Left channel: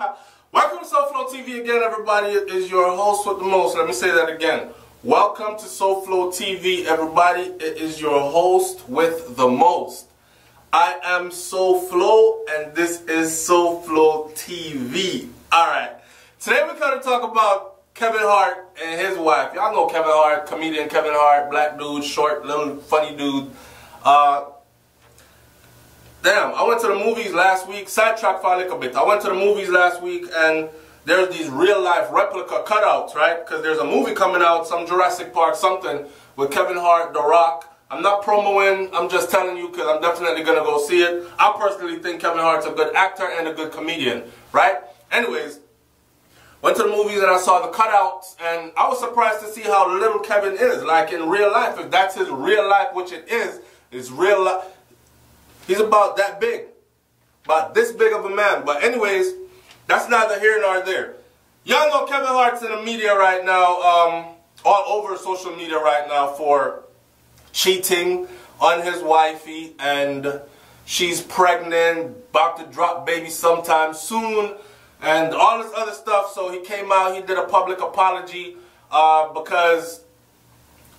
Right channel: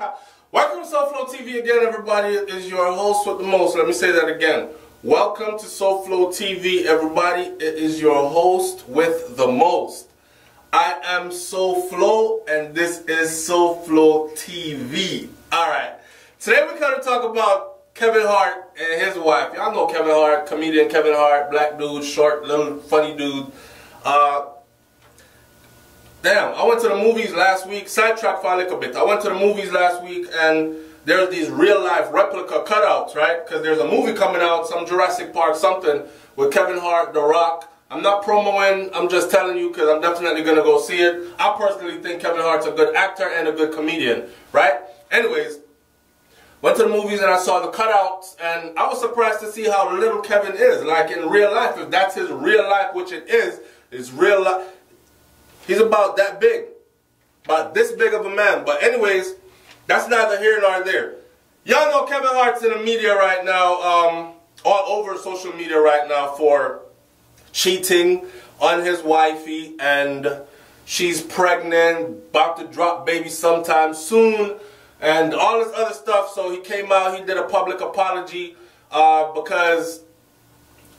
Welcome to SouFLoTV again, everybody. It is your host with the most. Let me say that again. Welcome to SouFLoTV, everybody. It is your host with the most. I am SouFlo, and this is SouFLoTV. Alright, today we're going to talk about Kevin Hart and his wife. Y'all know Kevin Hart, comedian Kevin Hart, black dude, short, little funny dude. Damn, I went to the movies last week, sidetrack for a little bit. I went to the movies last week and there's these real life replica cutouts, right? Because there's a movie coming out, some Jurassic Park something, with Kevin Hart, The Rock. I'm not promoing, I'm just telling you because I'm definitely going to go see it. I personally think Kevin Hart's a good actor and a good comedian, right? Anyways, went to the movies and I saw the cutouts and I was surprised to see how little Kevin is. Like in real life, if that's his real life, which it is, it's real life. He's about that big. About this big of a man. But anyways, that's neither here nor there. Y'all know Kevin Hart's in the media right now, all over social media right now for cheating on his wifey, and she's pregnant, about to drop baby sometime soon, and all this other stuff. So he came out, he did a public apology because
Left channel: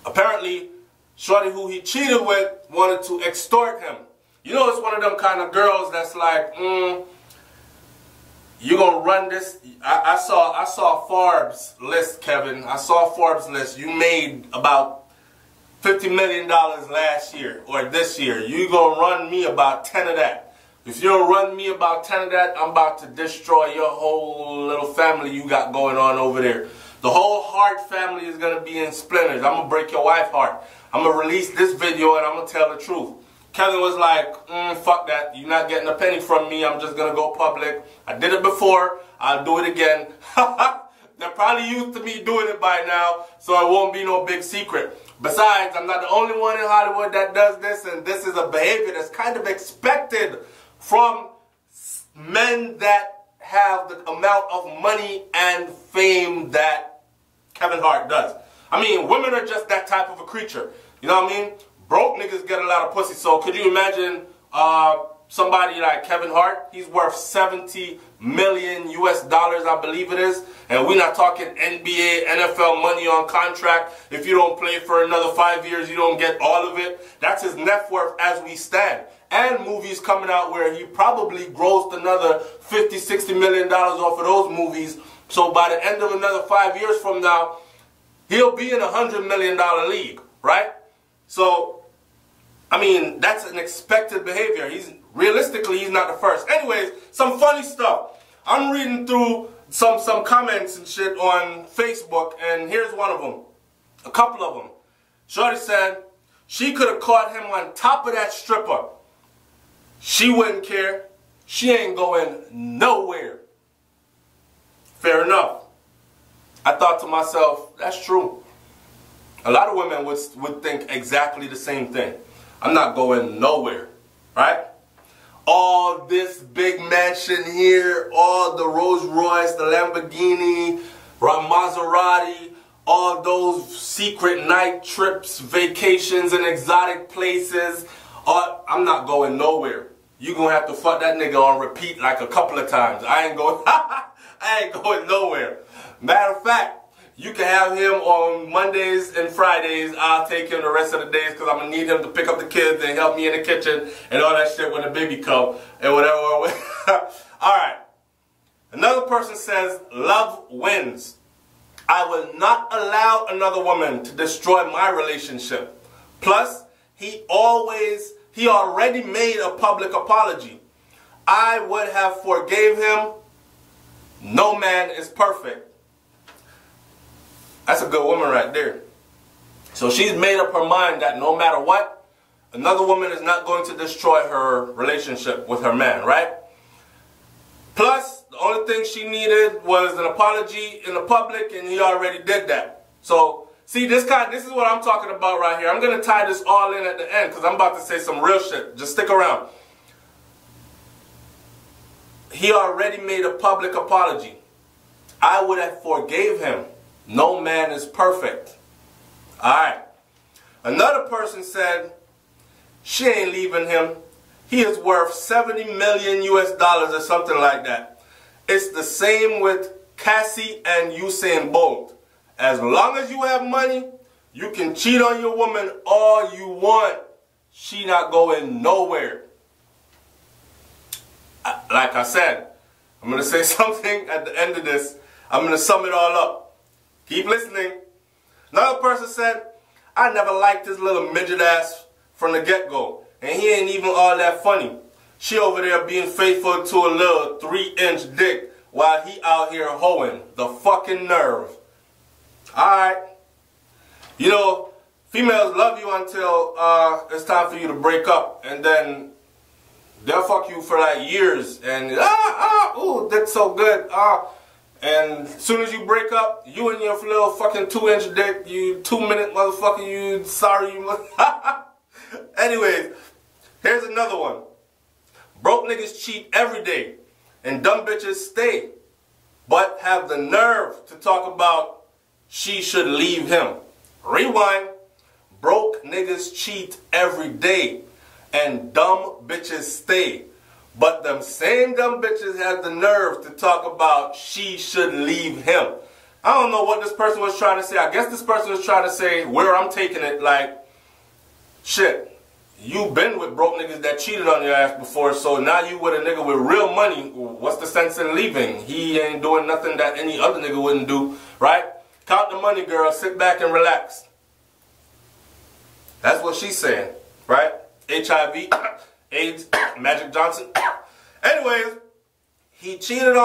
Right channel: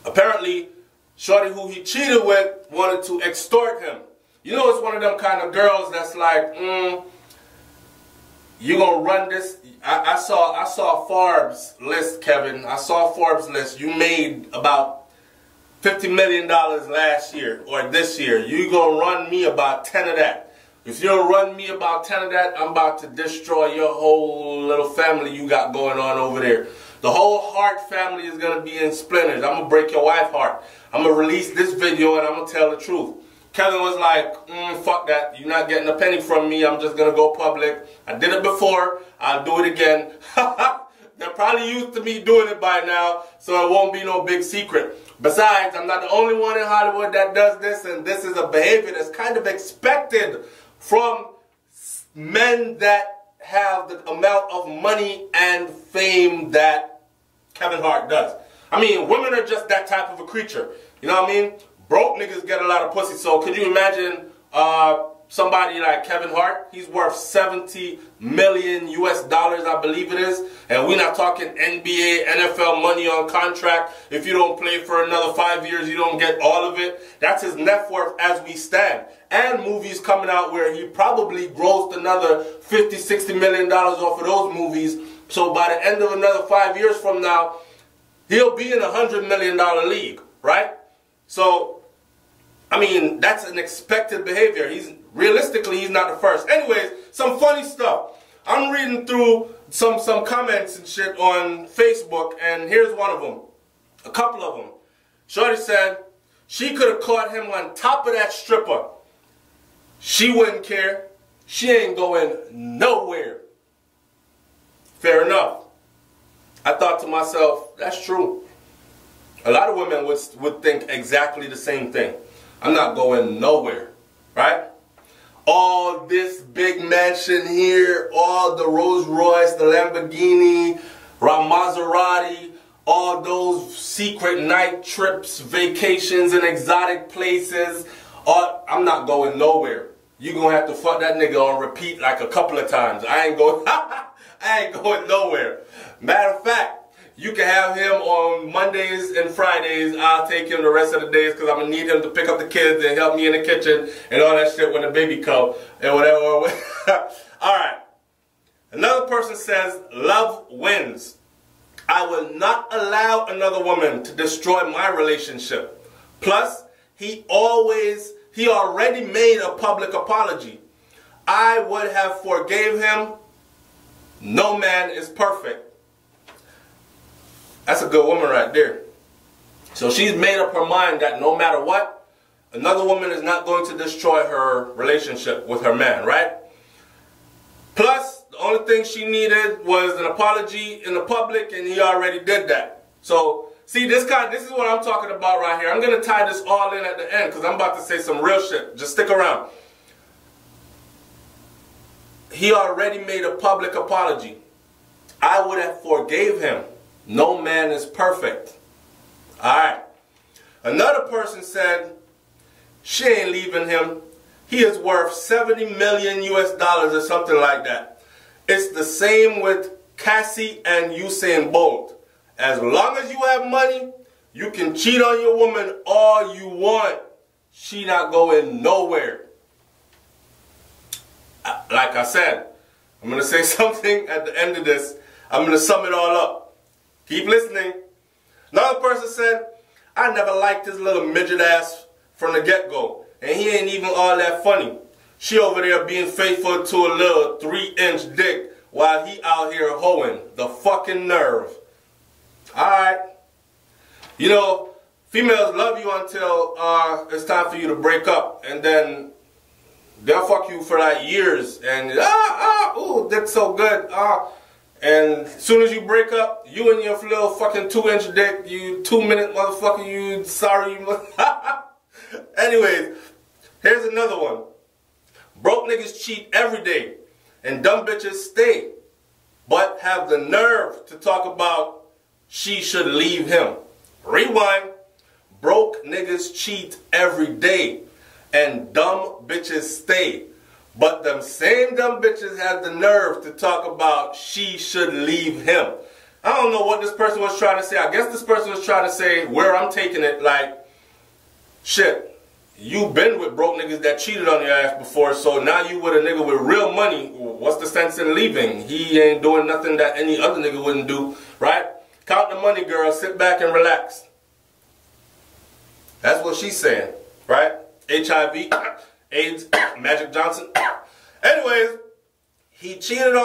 apparently shorty who he cheated with wanted to extort him. You know, it's one of them kind of girls that's like, you gonna run this? I saw Forbes list, Kevin. I saw Forbes list. You made about $50 million last year or this year. You gonna run me about 10 of that. If you don't run me about 10 of that, I'm about to destroy your whole little family you got going on over there. The whole Hart family is gonna be in splinters. I'm gonna break your wife heart. I'm gonna release this video and I'm gonna tell the truth. Kevin was like, fuck that. You're not getting a penny from me. I'm just going to go public. I did it before. I'll do it again. They're probably used to me doing it by now, so it won't be no big secret. Besides, I'm not the only one in Hollywood that does this, and this is a behavior that's kind of expected from men that have the amount of money and fame that Kevin Hart does. I mean, women are just that type of a creature. You know what I mean? Broke niggas get a lot of pussy, so could you imagine somebody like Kevin Hart? He's worth 70 million US dollars, I believe it is. And we're not talking NBA, NFL money on contract. If you don't play for another 5 years, you don't get all of it. That's his net worth as we stand. And movies coming out where he probably grossed another $50, $60 million off of those movies. So by the end of another 5 years from now, he'll be in a $100 million league, right? So, I mean, that's an expected behavior. Realistically, he's not the first. Anyways, some funny stuff. I'm reading through some comments and shit on Facebook, and here's one of them. A couple of them. Shorty said she could have caught him on top of that stripper. She wouldn't care. She ain't going nowhere. Fair enough. I thought to myself, that's true. A lot of women would think exactly the same thing. I'm not going nowhere, right? All this big mansion here, all the Rolls Royce, the Lamborghini, Maserati, all those secret night trips, vacations in exotic places. I'm not going nowhere. You gonna have to fuck that nigga on repeat like a couple of times. I ain't going nowhere. Matter of fact, you can have him on Mondays and Fridays. I'll take him the rest of the days because I'm going to need him to pick up the kids and help me in the kitchen and all that shit when the baby comes and whatever. Alright. Another person says, love wins. I will not allow another woman to destroy my relationship. Plus, he already made a public apology. I would have forgave him. No man is perfect. That's a good woman right there. So she's made up her mind that no matter what, another woman is not going to destroy her relationship with her man, right? Plus, the only thing she needed was an apology in the public, and he already did that. So, see, this is what I'm talking about right here. I'm going to tie this all in at the end because I'm about to say some real shit. Just stick around. He already made a public apology. I would have forgave him. No man is perfect. Alright. Another person said, she ain't leaving him. He is worth 70 million US dollars or something like that. It's the same with Cassie and Usain Bolt. As long as you have money, you can cheat on your woman all you want. She not going nowhere. Like I said, I'm going to say something at the end of this. I'm going to sum it all up. Keep listening. Another person said, I never liked this little midget ass from the get-go. And he ain't even all that funny. She over there being faithful to a little 3-inch dick while he out here hoeing. The fucking nerve. Alright. You know, females love you until it's time for you to break up. And then they'll fuck you for like years. And, ooh, dick's so good. And as soon as you break up, you and your little fucking 2-inch dick, you 2-minute motherfucker, you sorry. Anyways, here's another one. Broke niggas cheat every day, and dumb bitches stay, but have the nerve to talk about she should leave him. Rewind. Broke niggas cheat every day, and dumb bitches stay, but them same dumb bitches have the nerve to talk about she should leave him. I don't know what this person was trying to say. I guess this person was trying to say where I'm taking it, like, shit. You been with broke niggas that cheated on your ass before, so now you with a nigga with real money. What's the sense in leaving? He ain't doing nothing that any other nigga wouldn't do, right? Count the money, girl. Sit back and relax. That's what she's saying, right? HIV, AIDS, Magic Johnson. Anyways, he cheated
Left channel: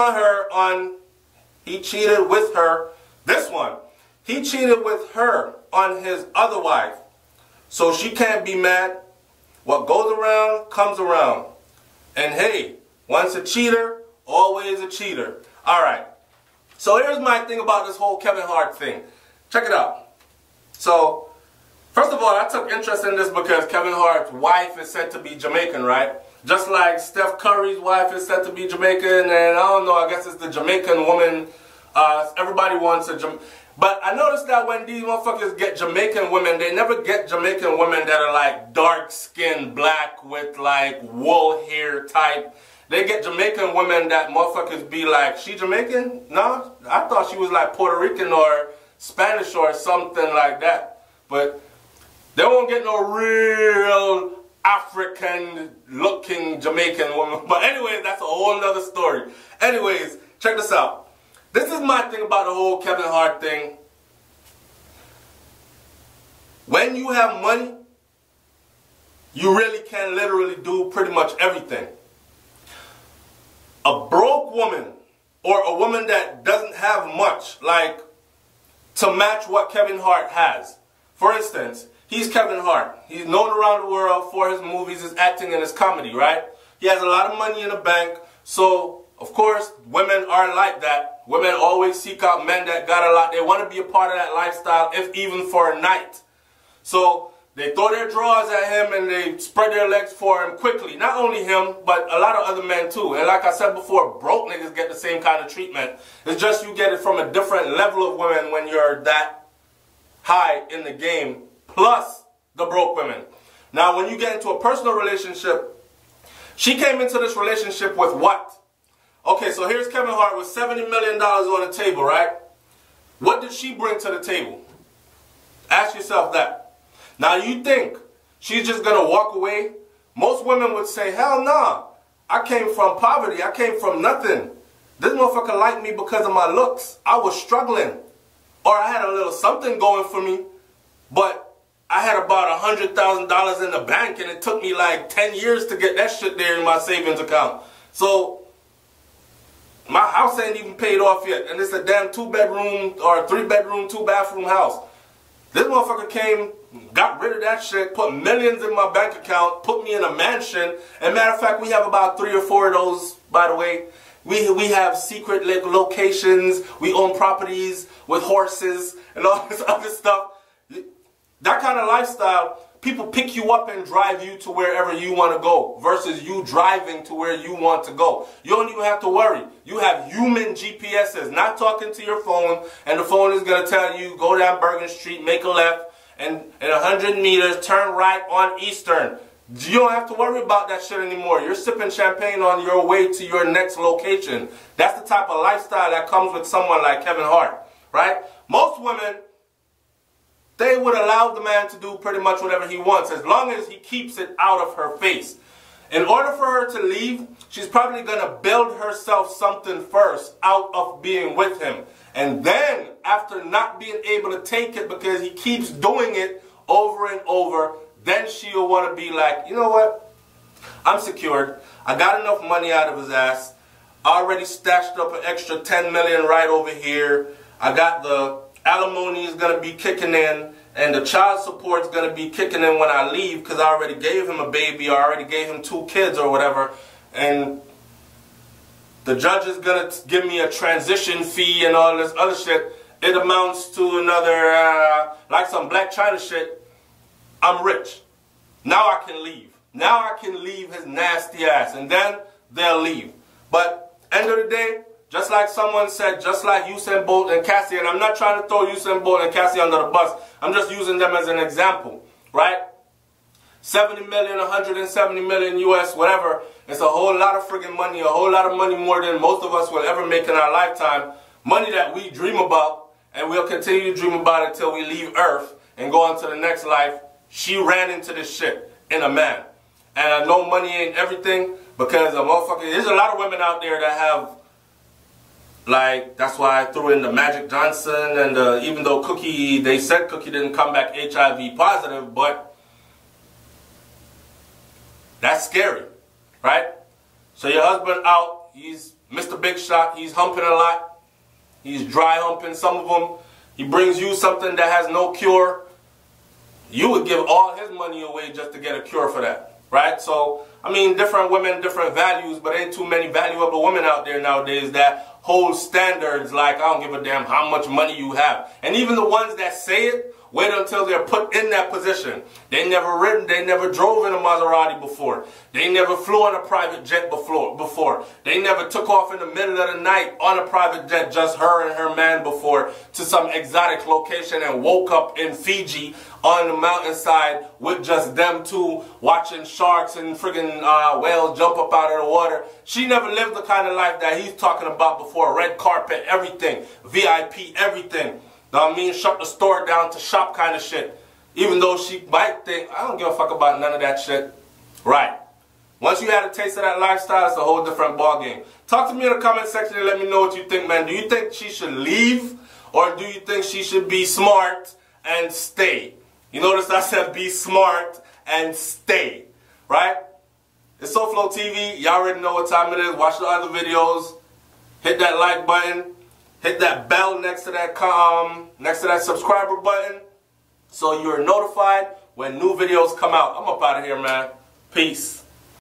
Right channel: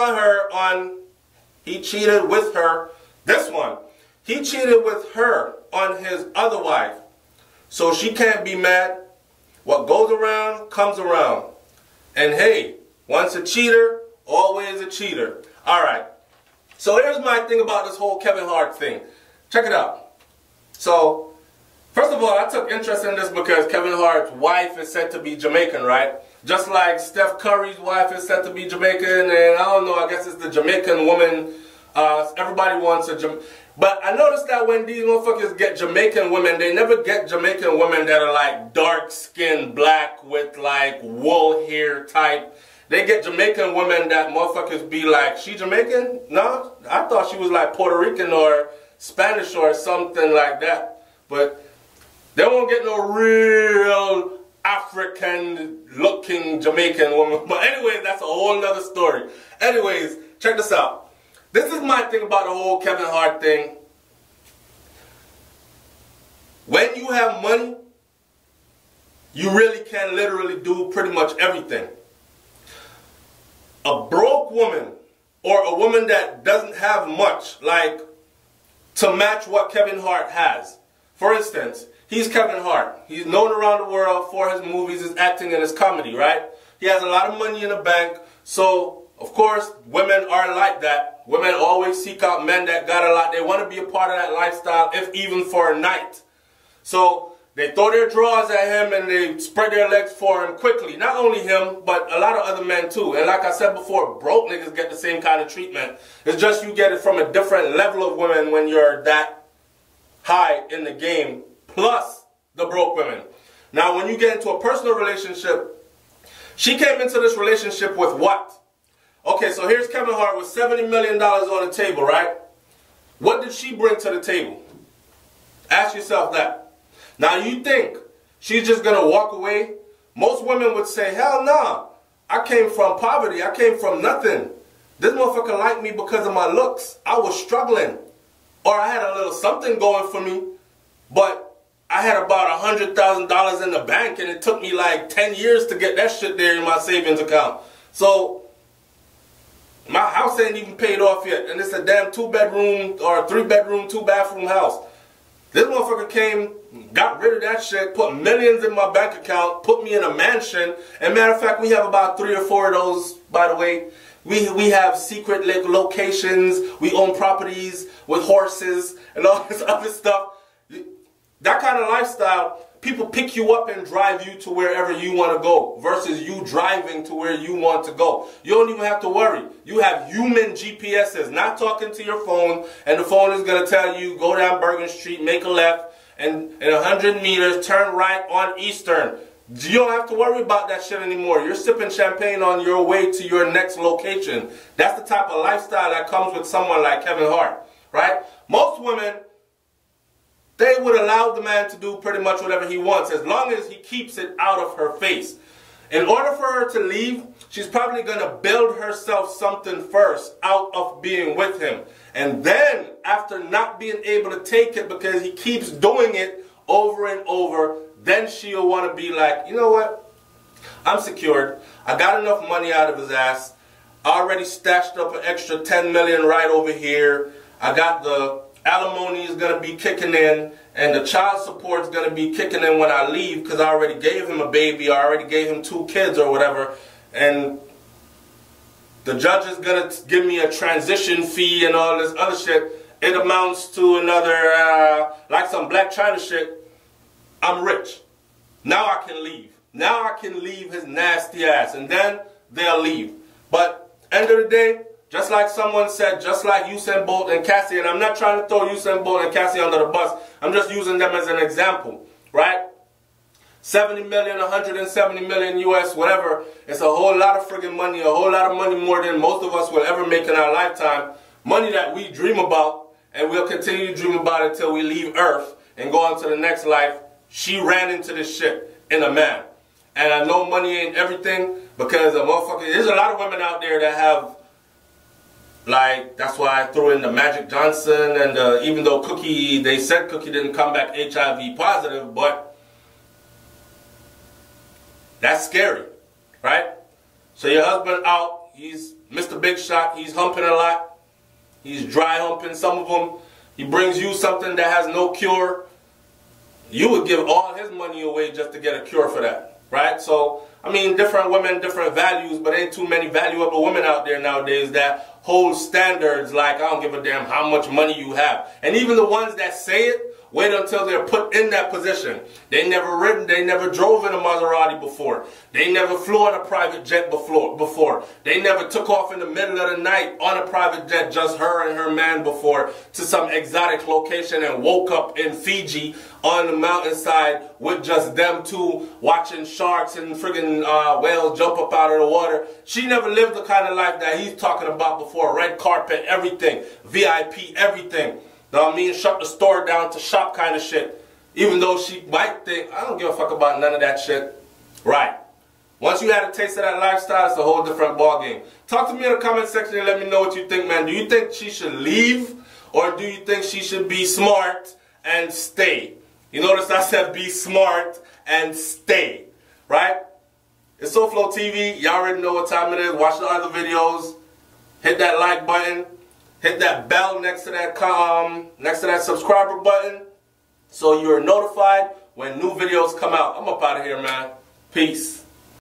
with her. This one. He cheated with her on his other wife. So she can't be mad. What goes around, comes around. And hey, once a cheater, always a cheater. Alright, so here's my thing about this whole Kevin Hart thing. Check it out. So, first of all, I took interest in this because Kevin Hart's wife is said to be Jamaican, right? Just like Steph Curry's wife is said to be Jamaican, and I don't know, I guess it's the Jamaican woman. Everybody wants a Jamaican. But I noticed that when these motherfuckers get Jamaican women, they never get Jamaican women that are like dark-skinned, black with like wool hair type. They get Jamaican women that motherfuckers be like, she Jamaican? No, I thought she was like Puerto Rican or Spanish or something like that. But they won't get no real African-looking Jamaican woman. But anyways, that's a whole nother story. Anyways, check this out. This is my thing about the whole Kevin Hart thing. When you have money, you really can literally do pretty much everything. A broke woman or a woman that doesn't have much, like to match what Kevin Hart has. For instance, he's Kevin Hart. He's known around the world for his movies, his acting, and his comedy, right? He has a lot of money in the bank, so of course, women are like that. Women always seek out men that got a lot. They want to be a part of that lifestyle, if even for a night. So they throw their drawers at him and they spread their legs for him quickly. Not only him, but a lot of other men too. And like I said before, broke niggas get the same kind of treatment. It's just you get it from a different level of women when you're that high in the game, plus the broke women. Now, when you get into a personal relationship, she came into this relationship with what? Okay, so here's Kevin Hart with $70 million on the table, right? What did she bring to the table? Ask yourself that. Now, you think she's just going to walk away? Most women would say, hell nah. I came from poverty. I came from nothing. This motherfucker liked me because of my looks. I was struggling. Or I had a little something going for me, but I had about $100,000 in the bank, and it took me like 10 years to get that shit there in my savings account. So my house ain't even paid off yet, and it's a damn 2-bedroom or 3-bedroom, 2-bathroom house. This motherfucker came, got rid of that shit, put millions in my bank account, put me in a mansion. And matter of fact, we have about 3 or 4 of those, by the way. We have secret locations. We own properties with horses and all this other stuff. That kind of lifestyle, people pick you up and drive you to wherever you want to go versus you driving to where you want to go. You don't even have to worry. You have human GPSs, not talking to your phone, and the phone is going to tell you, go down Bergen Street, make a left, and in 100 meters, turn right on Eastern. You don't have to worry about that shit anymore. You're sipping champagne on your way to your next location. That's the type of lifestyle that comes with someone like Kevin Hart, right? Most women, they would allow the man to do pretty much whatever he wants as long as he keeps it out of her face. In order for her to leave, she's probably going to build herself something first out of being with him. And then, after not being able to take it because he keeps doing it over and over, then she'll want to be like, you know what? I'm secured. I got enough money out of his ass. I already stashed up an extra 10 million right over here. I got the alimony is going to be kicking in, and the child support is going to be kicking in when I leave because I already gave him a baby. I already gave him 2 kids or whatever. And the judge is going to give me a transition fee and all this other shit. It amounts to another, like some Black China shit. I'm rich. Now I can leave. Now I can leave his nasty ass. And then they'll leave. But end of the day, just like someone said, just like Usain Bolt and Cassie, and I'm not trying to throw Usain Bolt and Cassie under the bus. I'm just using them as an example, right? 70 million, 170 million US, whatever. It's a whole lot of friggin' money, a whole lot of money more than most of us will ever make in our lifetime. Money that we dream about, and we'll continue to dream about until we leave Earth and go on to the next life. She ran into this shit in a man. And I know money ain't everything because a motherfucker, there's a lot of women out there that have, like, that's why I threw in the Magic Johnson and even though Cookie, they said Cookie didn't come back HIV positive, but that's scary, right? So your husband out, he's Mr. Big Shot, he's humping a lot, he's dry humping some of them, he brings you something that has no cure. You would give all his money away just to get a cure for that, right? So, I mean, different women, different values, but ain't too many valuable women out there nowadays that hold standards like, I don't give a damn how much money you have. And even the ones that say it, wait until they're put in that position. They never drove in a Maserati before. They never flew on a private jet before. They never took off in the middle of the night on a private jet, just her and her man before, to some exotic location and woke up in Fiji on the mountainside with just them two watching sharks and friggin' whales jump up out of the water. She never lived the kind of life that he's talking about before. Red carpet, everything. VIP, everything. Know what I mean? Shut the store down to shop kind of shit. Even though she might think, I don't give a fuck about none of that shit. Right. Once you had a taste of that lifestyle, it's a whole different ballgame. Talk to me in the comment section and let me know what you think, man. Do you think she should leave? Or do you think she should be smart and stay? You notice I said be smart and stay. Right? It's SouFLoTV. Y'all already know what time it is. Watch the other videos. Hit that like button. Hit that bell next to that subscriber button so you're notified when new videos come out. I'm up out of here, man. Peace.